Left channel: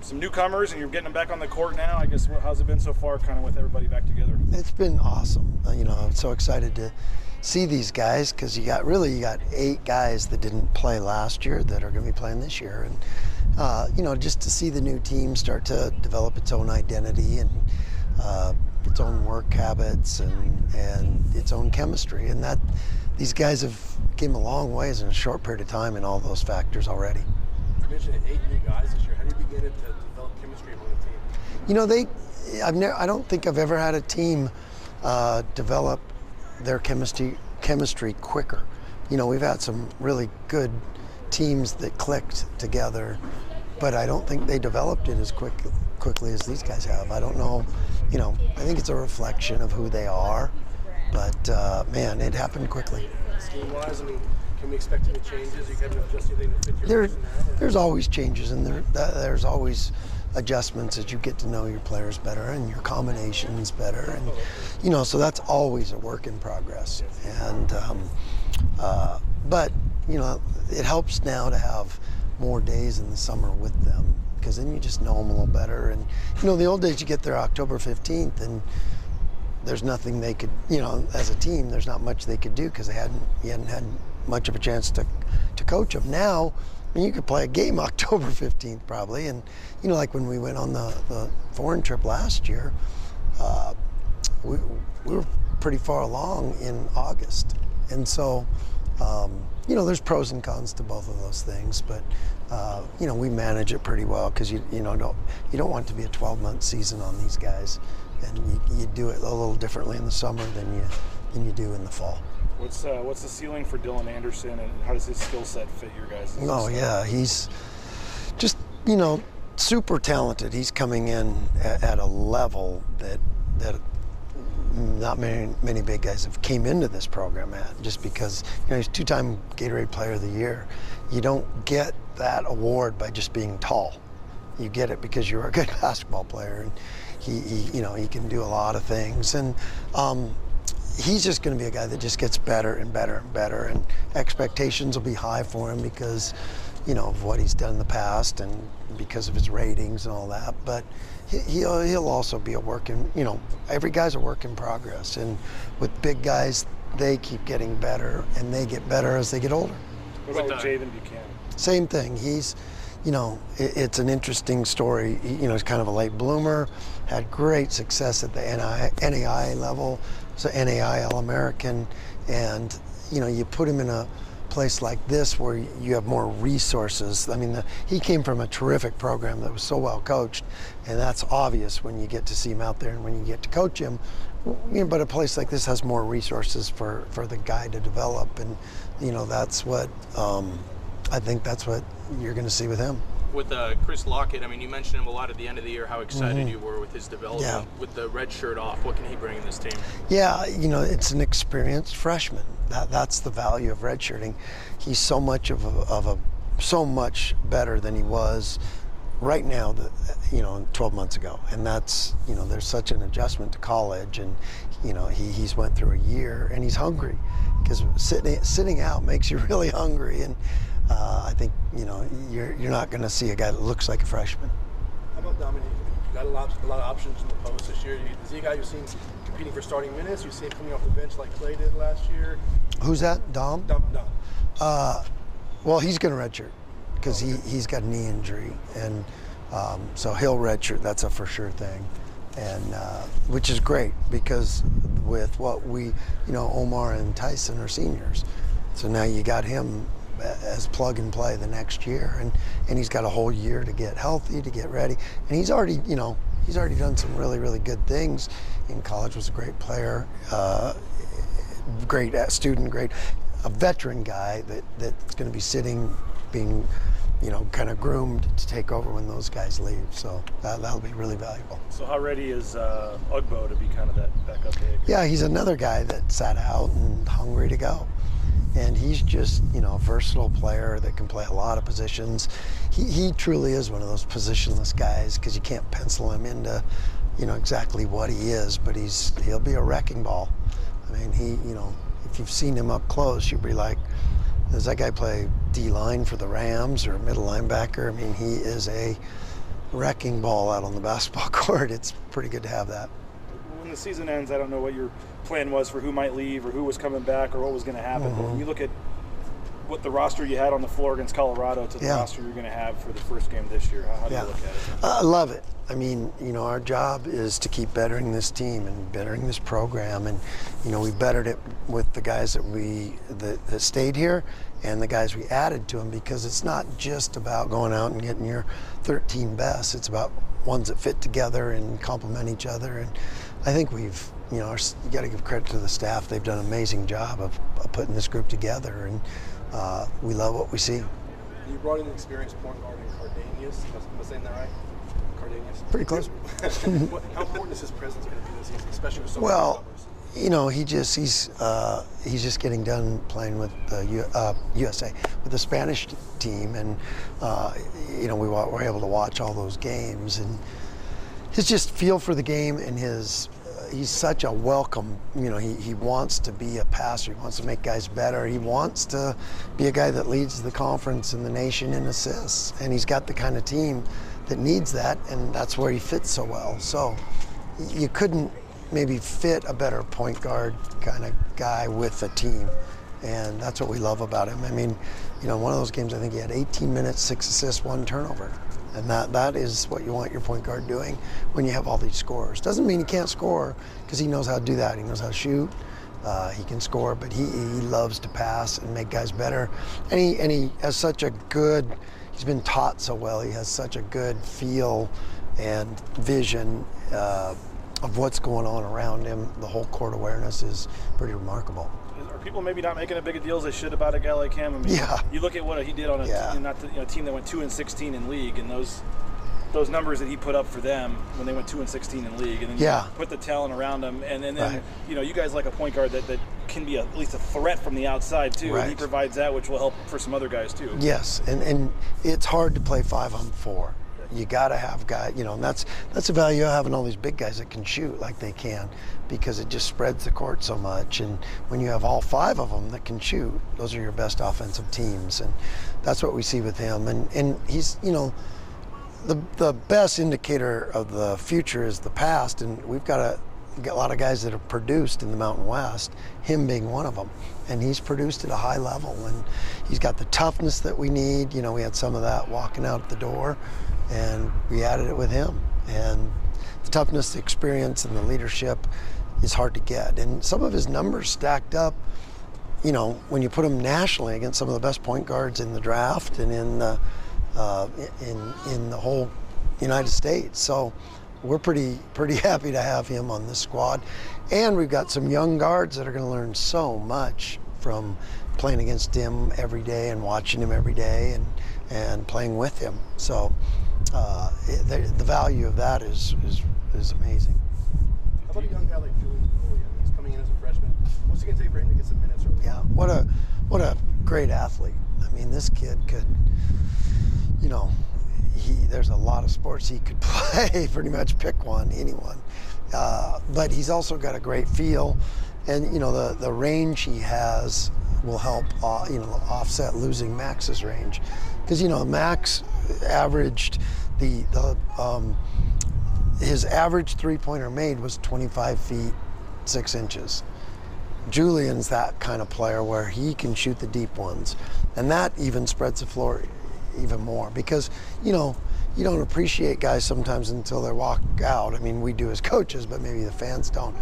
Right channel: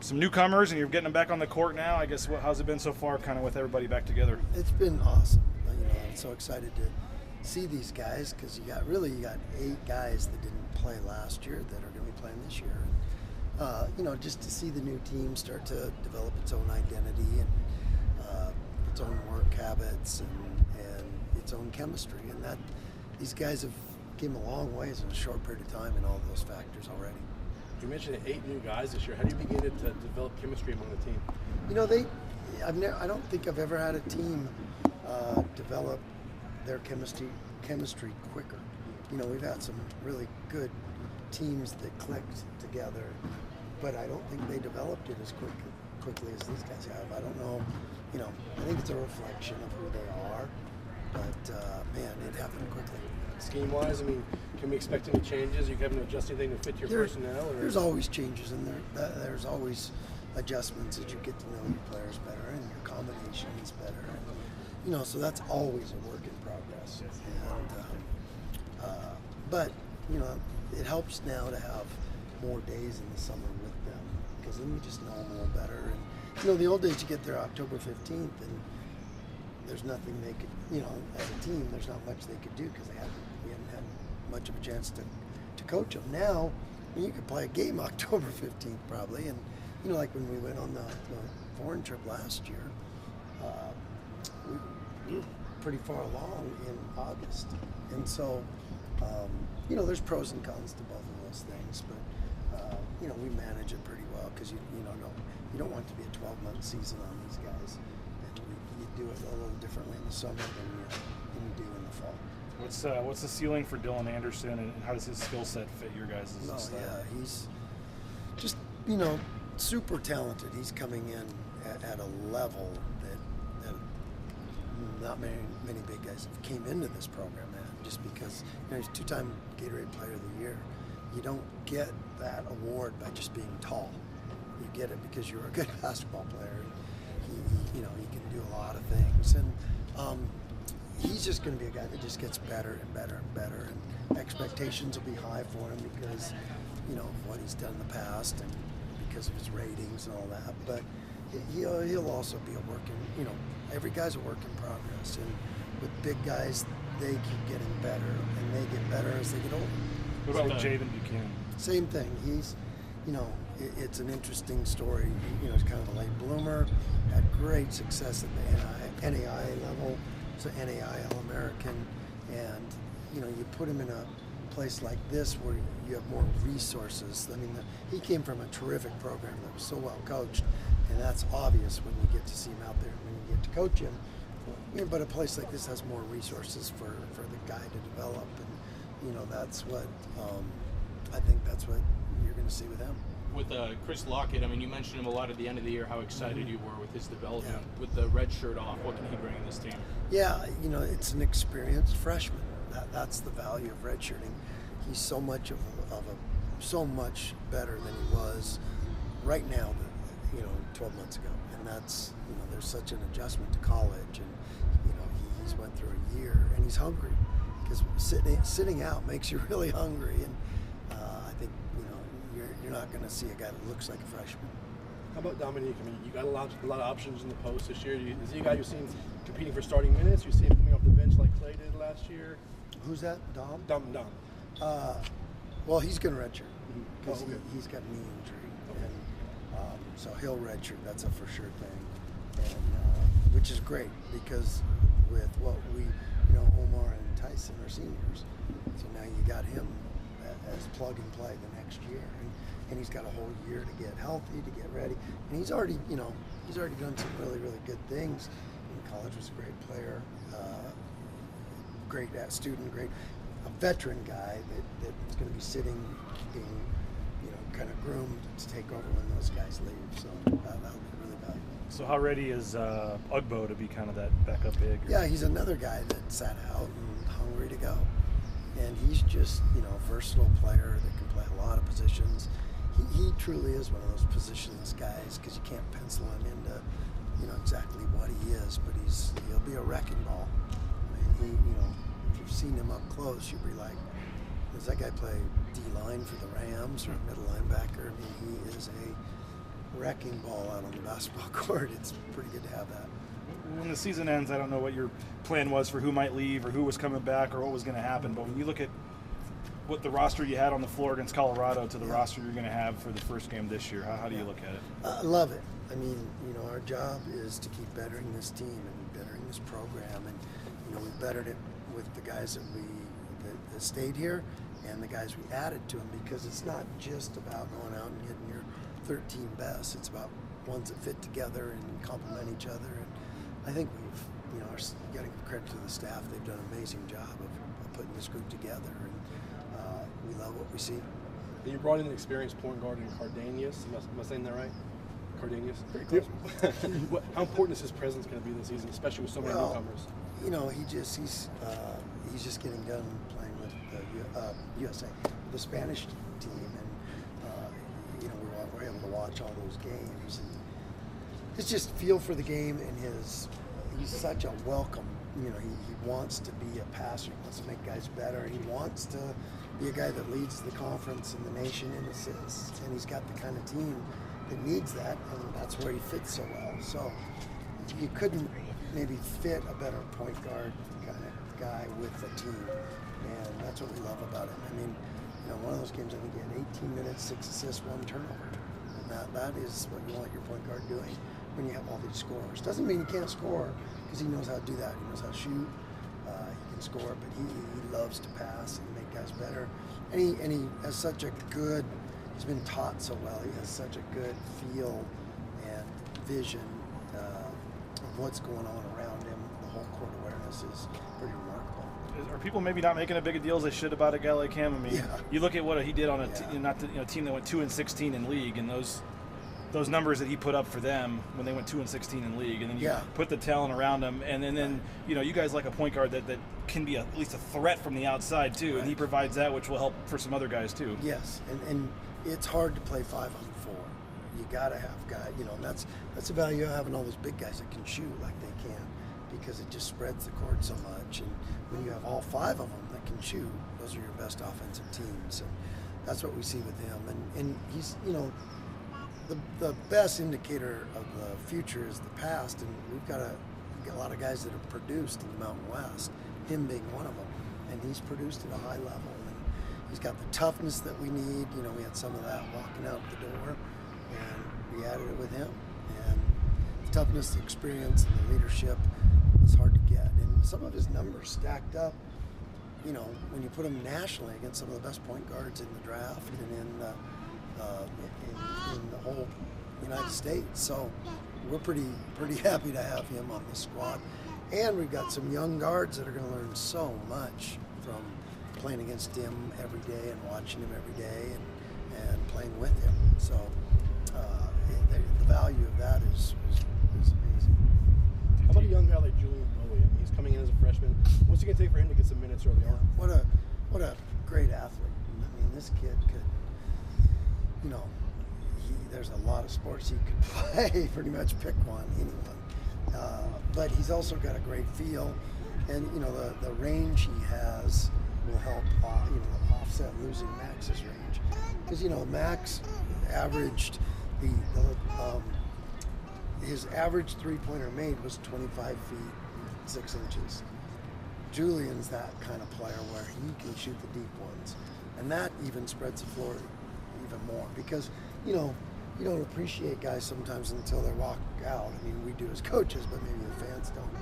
some newcomers, and you're getting them back on the court now. I guess how's it been so far, kind of with everybody back together? It's been awesome. I'm so excited to see these guys because you got 8 guys that didn't play last year that are going to be playing this year, and just to see the new team start to develop its own identity and its own work habits and its own chemistry, and that these guys have came a long ways in a short period of time in all those factors already. You mentioned 8 new guys this year. How do you begin to develop chemistry among the team? I don't think I've ever had a team develop their chemistry quicker. We've had some really good teams that clicked together, but I don't think they developed it as quickly as these guys have. I don't know. I think it's a reflection of who they are, but man, it happened quickly. Scheme-wise, can we expect any changes? You have to adjust anything to fit your personnel? There's always changes, and there's always adjustments as you get to know your players better and your combinations better, and so that's always a work in progress. And but it helps now to have more days in the summer with them, because then you just know them a little better. And the old days, you get there October 15th, and there's nothing they could, as a team, there's not much they could do because you hadn't had much of a chance to coach them. Now, you could play a game October 15th probably, and like when we went on the foreign trip last year, we were pretty far along in August, and so there's pros and cons to both of those things, but we manage it pretty well because you don't want it to be a 12-month season on these guys, and you do it a little differently in the summer than you do in the fall. What's the ceiling for Dylan Anderson, and how does his skill set fit your guys'? Oh yeah, he's just super talented. He's coming in at a level that not many big guys have came into this program at, just because he's 2-time Gatorade Player of the Year. You don't get that award by just being tall. You get it because you're a good basketball player, and he can do a lot of things, and he's just going to be a guy that just gets better and better and better, and expectations will be high for him because of what he's done in the past and because of his ratings and all that. But he'll also be a work in, every guy's a work in progress, and with big guys, they keep getting better, and they get better as they get older. What about Jaden Buchanan? Same thing. He's, it's an interesting story. He's kind of a late bloomer, had great success at the NAI level, so NAI All-American, and you put him in a place like this where you have more resources. I mean, he came from a terrific program that was so well coached, and that's obvious when you get to see him out there and when you get to coach him. But a place like this has more resources for the guy to develop, and that's what I think that's what you're going to see with him. With Chris Lockett, you mentioned him a lot at the end of the year, how excited you were with his development. Yeah. With the red shirt off, what can he bring in this team? Yeah, it's an experienced freshman. That's the value of redshirting. He's so much so much better than he was right now, 12 months ago. And that's, there's such an adjustment to college, and he's went through a year, and he's hungry, because sitting out makes you really hungry. And I think you're not going to see a guy that looks like a freshman. How about Dominique? You got a lot of options in the post this year. Is he a guy you've seen competing for starting minutes? You see him coming off the bench like Clay did last year? Who's that? Dom? Dom. Well, he's going to redshirt because he's got a knee injury, and so he'll redshirt. That's a for sure thing, and which is great because with what Omar and Tyson are seniors, so now you got him as plug and play the next year, and he's got a whole year to get healthy, to get ready, and he's already done some really, really good things in college. Was a great player, great student, a veteran guy that's going to be sitting, being kind of groomed to take over when those guys leave. So that'll be really valuable. So how ready is Ugbo to be kind of that backup big? Yeah, he's another guy that sat out and hungry to go. And he's just, a versatile player that can play a lot of positions. He truly is one of those positionless guys, because you can't pencil him into, exactly what he is, but he'll be a wrecking ball. I mean, if you've seen him up close, you'd be like, does that guy play D-line for the Rams or middle linebacker? I mean, he is a wrecking ball out on the basketball court. It's pretty good to have that. When the season ends, I don't know what your plan was for who might leave or who was coming back or what was going to happen. But when you look at what the roster you had on the floor against Colorado to the roster you're going to have for the first game this year, how do you look at it? I love it. I mean, our job is to keep bettering this team and bettering this program. And, we bettered it with the guys that stayed here and the guys we added to them, because it's not just about going out and getting your 13 best. It's about ones that fit together and complement each other. And I think we've, you got to give credit to the staff. They've done an amazing job of putting this group together, and we love what we see. You brought in an experienced point guard in Cardanius. Am I saying that right? Cardanius? Pretty close. How important is his presence going to be this season, especially with so many numbers? He's just getting done playing with USA, with the Spanish team, and we were able to watch all those games, and his just feel for the game, and he's such a welcome, he wants to be a passer, he wants to make guys better, he wants to be a guy that leads the conference and the nation in assists, and he's got the kind of team that needs that, and that's where he fits so well. So you couldn't maybe fit a better point guard kind of guy with a team, and that's what we love about him. I mean, one of those games, I think he had 18 minutes, 6 assists, 1 turnover. And that is what you want your point guard doing when you have all these scorers. Doesn't mean he can't score, because he knows how to do that. He knows how to shoot. He can score, but he loves to pass and make guys better. And he has such a good, he's been taught so well. He has such a good feel and vision of what's going on around him. The whole court awareness is pretty remarkable. Are people maybe not making a big a deal as they should about a guy like him? I mean, you look at what he did on a team that went 2-16 in league, and those numbers that he put up for them when they went 2-16 in league, and then you put the talent around him, and then you guys like a point guard that can be at least a threat from the outside too, and he provides that, which will help for some other guys too. Yes, and it's hard to play 5-on-4. You got to have guys, and that's the value of having all these big guys that can shoot like they can, because it just spreads the court so much. And when you have all 5 of them that can shoot, those are your best offensive teams, and that's what we see with him. And he's, the best indicator of the future is the past, and we've got a lot of guys that have produced in the Mountain West, him being one of them. And he's produced at a high level, and he's got the toughness that we need. We had some of that walking out the door, and we added it with him. And the toughness, the experience, and the leadership is hard to get. And some of his numbers stacked up, when you put him nationally against some of the best point guards in the draft and in the whole United States. So we're pretty happy to have him on this squad. And we've got some young guards that are going to learn so much from playing against him every day and watching him every day and playing with him. So the value of that is amazing. How about a young guy like Julian? He's coming in as a freshman. What's it going to take for him to get some minutes early? Yeah, what a great athlete. I mean, this kid could, there's a lot of sports he could play, pretty much pick one, anyone. But he's also got a great feel, and the range he has will help offset losing Max's range, because Max averaged his average 3-pointer made was 25 feet 6 inches. Julian's that kind of player where he can shoot the deep ones, and that even spreads the floor even more, because you don't appreciate guys sometimes until they walk out. I mean, we do as coaches, but maybe the fans don't.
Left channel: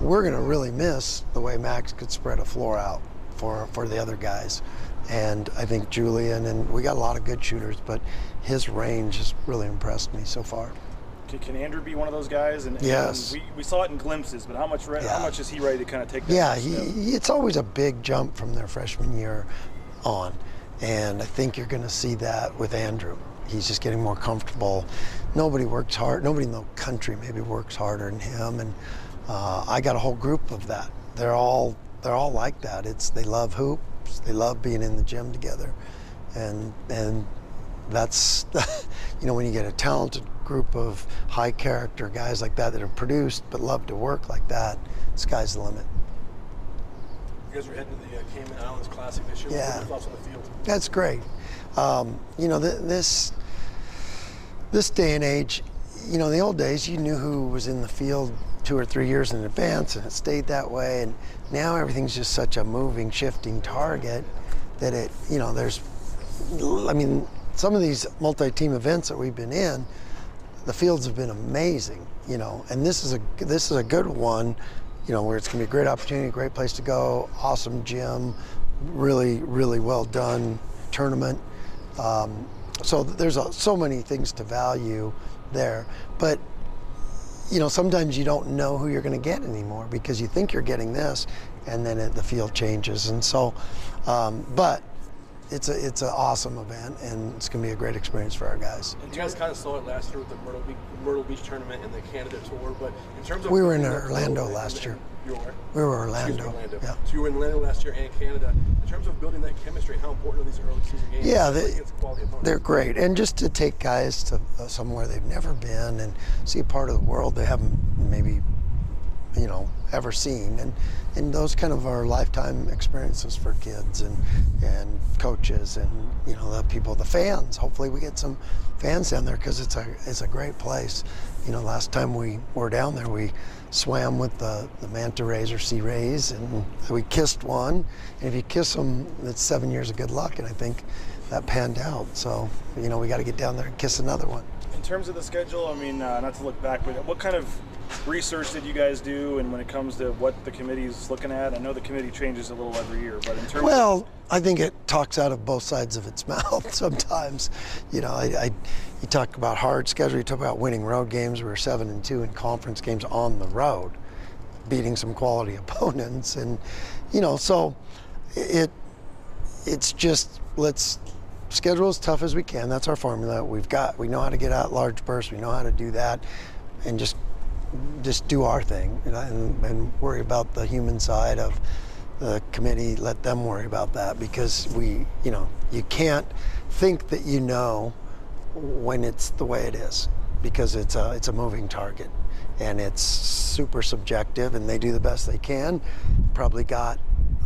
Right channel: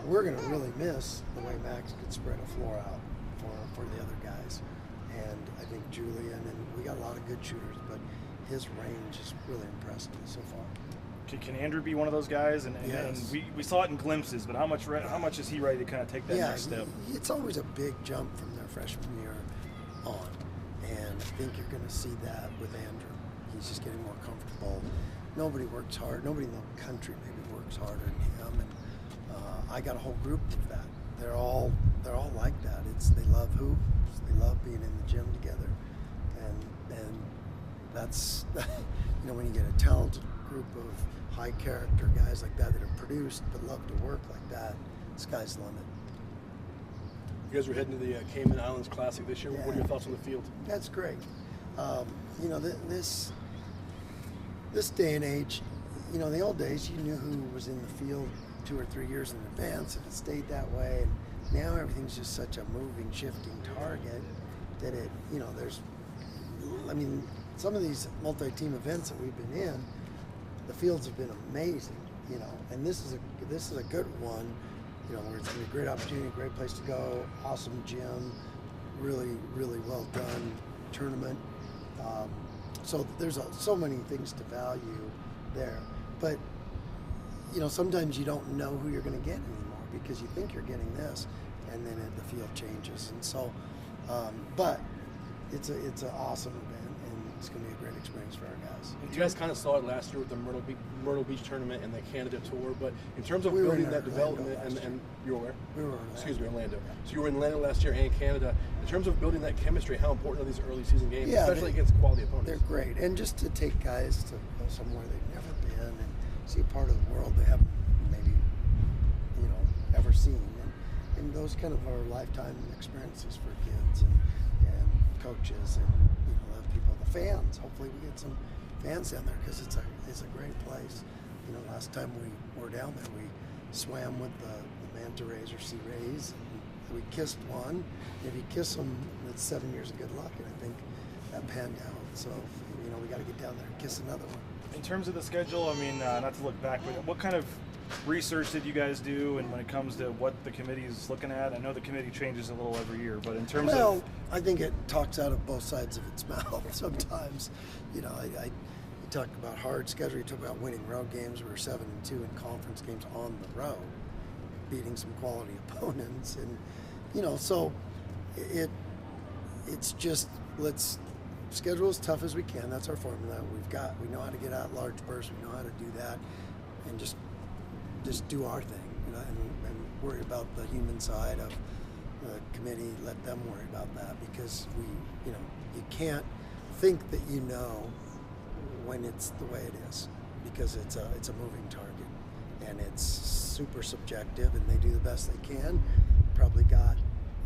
We're going to really miss the way Max could spread a floor out for the other guys. And I think Julian, and we got a lot of good shooters, but his range has really impressed me so far. Can Andrew be one of those guys? And yes. We saw it in glimpses, but how much is he ready to kind of take that? Yeah, it's always a big jump from their freshman year on. And I think you're going to see that with Andrew. He's just getting more comfortable. Nobody works hard. Nobody in the country maybe works harder than him. And I got a whole group of that. They're all like that. They love hoops. They love being in the gym together. And that's, when you get a talented group of high character guys like that have produced but love to work like that, sky's the limit. You guys are heading to the Cayman Islands Classic this year. Yeah. What are your thoughts on the field? That's great. this day and age, you know, in the old days, you knew who was in the field 2 or 3 years in advance, and it stayed that way. And now everything's just such a moving, shifting target that it, you know, I mean, some of these multi-team events that we've been in, the fields have been amazing, you know, and this is a good one, you know, where it's going to be a great opportunity, great place to go, awesome gym, really, really well done tournament. So there's so many things to value there, but you know, sometimes you don't know who you're going to get anymore because you think you're getting this, and then the field changes. And so, but it's an awesome event, and it's going to be a great experience for our guys. You guys kind of saw it last year with the Myrtle Beach tournament and the Canada tour, but in terms of we were in Orlando last year. You were where? We were Orlando. Yeah. So you were in Orlando last year and Canada. In terms of building that chemistry, how important are these early season games? Yeah, against quality opponents? They're great, and just to take guys to somewhere they've never been and see a part of the world they haven't maybe, you know, ever seen, and those kind of are lifetime experiences for kids and coaches and, you know, the people, the fans. Hopefully we get some fans down there because it's a great place. You know, last time we were down there, we swam with the manta rays or sea rays, and we kissed one. And if you kiss them, it's 7 years of good luck, and I think that panned out. So, you know, we got to get down there and kiss another one. In terms of the schedule, I mean, not to look back, but what kind of research did you guys do, and when it comes to what the committee's looking at? I know the committee changes a little every year, but in terms of... I think it talks out of both sides of its mouth sometimes. You know, you talk about hard schedule, you talk about winning road games. We were 7-2 in conference games on the road, beating some quality opponents. And, you know, so it's just, let's schedule as tough as we can. That's our formula. We know how to get out large bursts. We know how to do that, and just do our thing, you know, and worry about the human side of the committee. Let them worry about that, because you know, you can't think that you know when it's the way it is, because it's a moving target, and it's super subjective, and they do the best they can. Probably got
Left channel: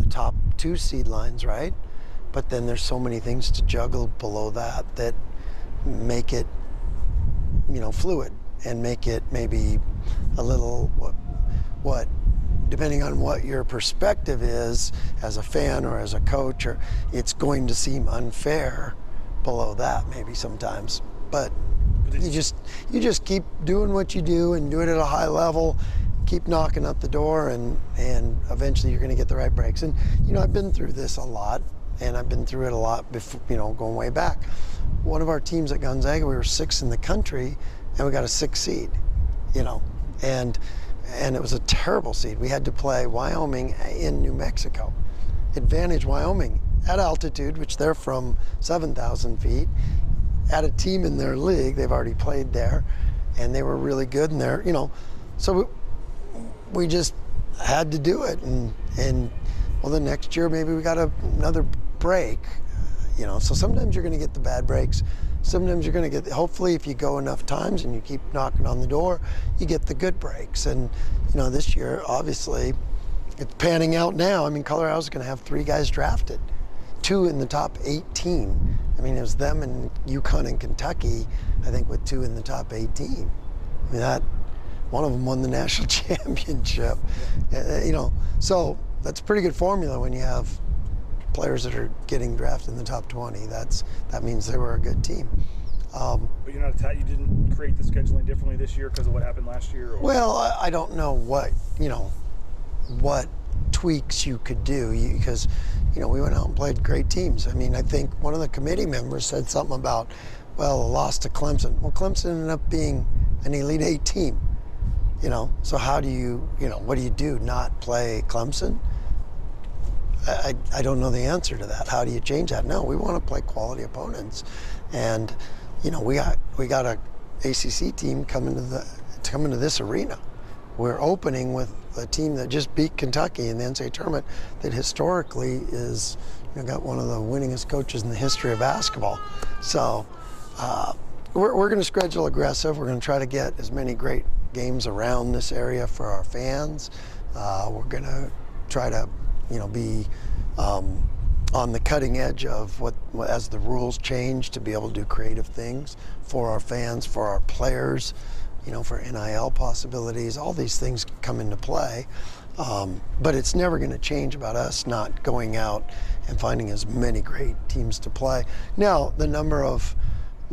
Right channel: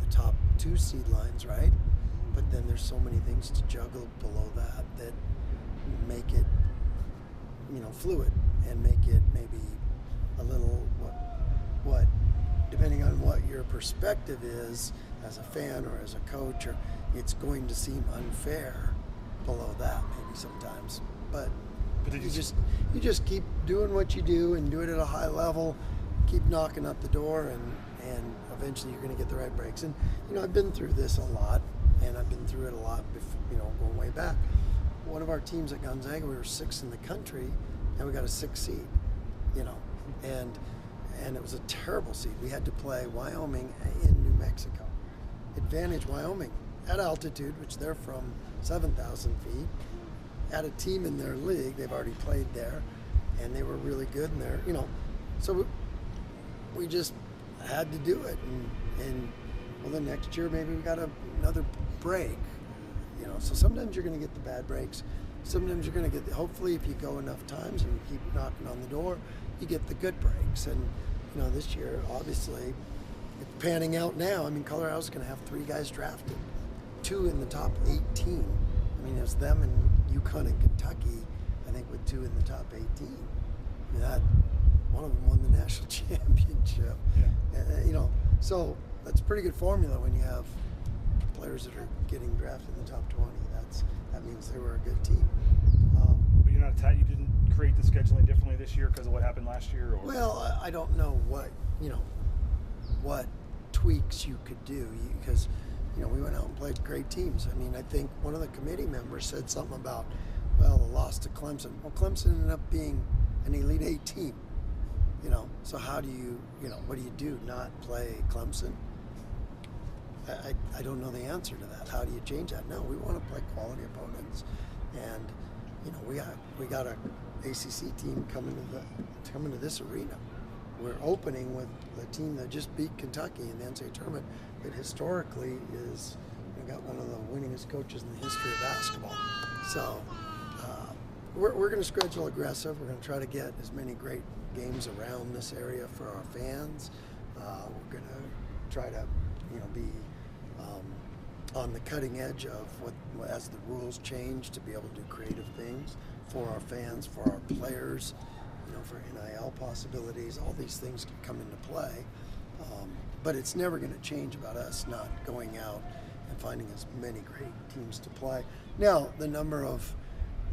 the top 2 seed lines right, but then there's so many things to juggle below that make it, you know, fluid, and make it maybe a little, what depending on what your perspective is as a fan or as a coach, or it's going to seem unfair below that maybe sometimes. But you just keep doing what you do and do it at a high level, keep knocking up the door, and eventually you're going to get the right breaks. And you know, I've been through this a lot, and I've been through it a lot before, you know, going way back. One of our teams at Gonzaga, we were 6th in the country, and we got a 6th seed, you know, and it was a terrible seed. We had to play Wyoming in New Mexico. Advantage Wyoming at altitude, which they're from 7,000 feet, at a team in their league. They've already played there, and they were really good in there, you know. So we just had to do it, and well, the next year maybe we got another break, you know. So sometimes you're going to get the bad breaks. Sometimes you're going to get, hopefully if you go enough times and you keep knocking on the door, you get the good breaks. And, you know, this year, obviously, it's panning out now. I mean, Colorado's going to have 3 guys drafted, 2 in the top 18. I mean, it was them and UConn and Kentucky, I think, with 2 in the top 18. I mean, one of them won the national championship. You know, so that's a pretty good formula when you have players that are getting drafted in the top 20. That means they were a good team. But you're not you didn't create the scheduling differently this year because of what happened last year? Or? Well, I don't know what tweaks you could do, because you know, we went out and played great teams. I mean, I think one of the committee members said something about, well, a loss to Clemson. Well, Clemson ended up being an Elite 8 team, you know. So how do you know, what do you do? Not play Clemson? I don't know the answer to that. How do you change that? No, we want to play quality opponents, and you know, we got a ACC team coming to this arena. We're opening with a team that just beat Kentucky in the NCAA tournament, that historically is, you know, got one of the winningest coaches in the history of basketball. So we're going to schedule aggressive. We're going to try to get as many great games around this area for our fans. We're going to try to, you know, be on the cutting edge of what as the rules change, to be able to do creative things for our fans, for our players, you know, for NIL possibilities. All these things come into play, but it's never going to change about us not going out and finding as many great teams to play. Now, the number of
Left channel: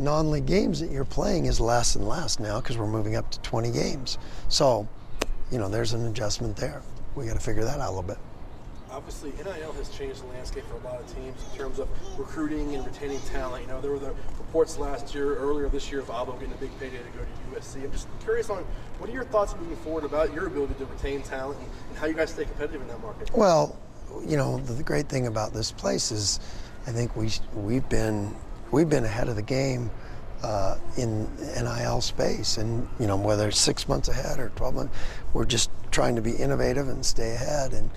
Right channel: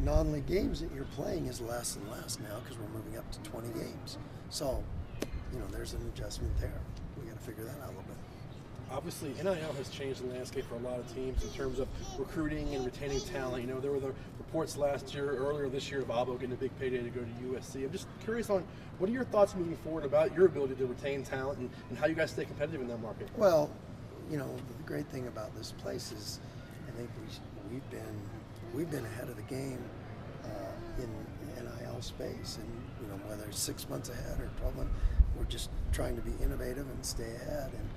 non-league games that you're playing is less and less now because we're moving up to 20 games. So, you know, there's an adjustment there. We got to figure that out a little bit. Obviously, NIL has changed the landscape for a lot of teams in terms of recruiting and retaining talent. You know, there were the reports earlier this year of Abo getting a big payday to go to USC. I'm just curious on what are your thoughts moving forward about your ability to retain talent and how you guys stay competitive in that market? Well, you know, the great thing about this place is I think we've been ahead of the game in NIL space, and you know, whether it's 6 months ahead or 12 months, we're just trying to be innovative and stay ahead. And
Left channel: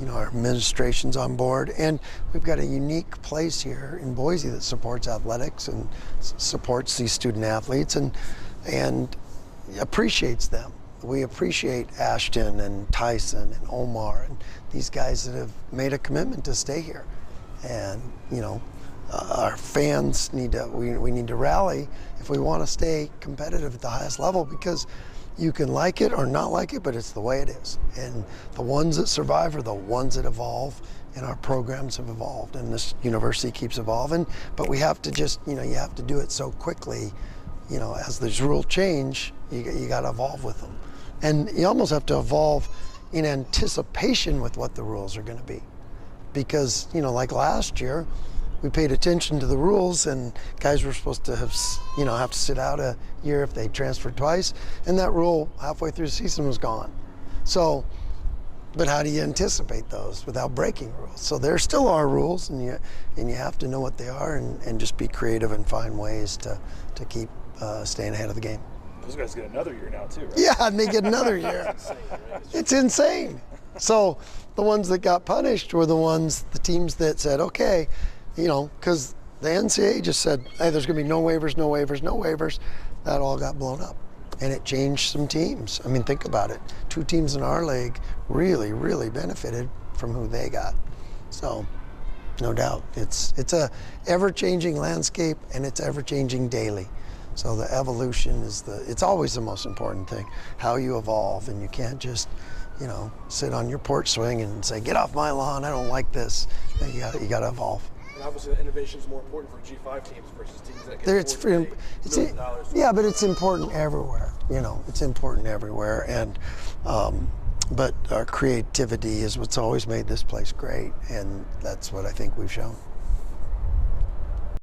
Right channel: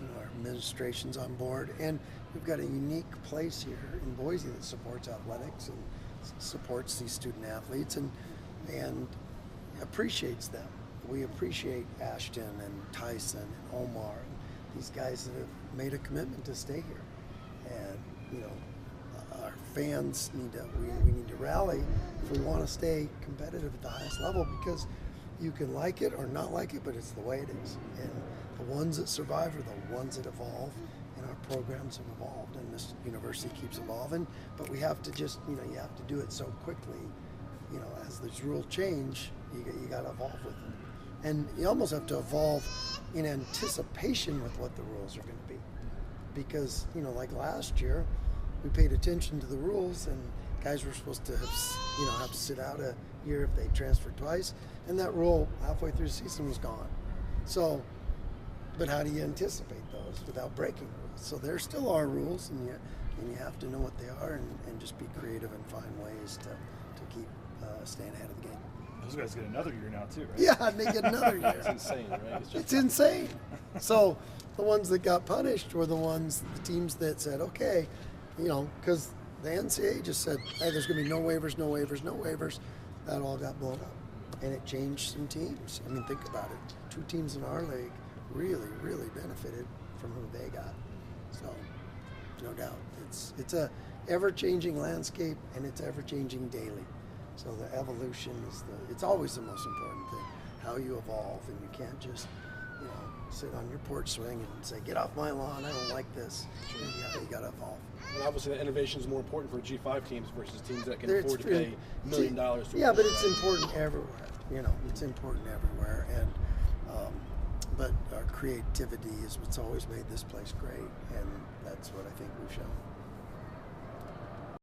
you know, our administration's on board, and we've got a unique place here in Boise that supports athletics and supports these student athletes and appreciates them. We appreciate Ashton and Tyson and Omar and these guys that have made a commitment to stay here. And you know, our fans need to, we need to rally if we want to stay competitive at the highest level, because you can like it or not like it, but it's the way it is. And the ones that survive are the ones that evolve, and our programs have evolved, and this university keeps evolving. But we have to just, you know, you have to do it so quickly, you know, as these rules change, you got to evolve with them. And you almost have to evolve in anticipation with what the rules are going to be. Because, you know, like last year, we paid attention to the rules, and guys were supposed to have to sit out a year if they transferred twice, and that rule halfway through the season was gone. So, but how do you anticipate those without breaking rules? So there still are rules, and you have to know what they are, and just be creative and find ways to keep staying ahead of the game. Those guys get another year now too, right? Yeah, and they get another year. It's insane, right? It's insane. So the ones that got punished were the teams that said, okay, you know, because the NCAA just said, hey, there's going to be no waivers, no waivers, no waivers. That all got blown up, and it changed some teams. I mean, think about it. 2 teams in our league really, really benefited from who they got. So, no doubt, it's a ever-changing landscape, and it's ever-changing daily. So the evolution it's always the most important thing, how you evolve, and you can't just, you know, sit on your porch swing and say, get off my lawn, I don't like this. You got to evolve. Obviously, innovation is more important for G5 teams versus teams that can afford to pay $1 million. Yeah, but it's important everywhere. You know, it's important everywhere, and but our creativity is what's always made this place great, and that's what I think we've shown.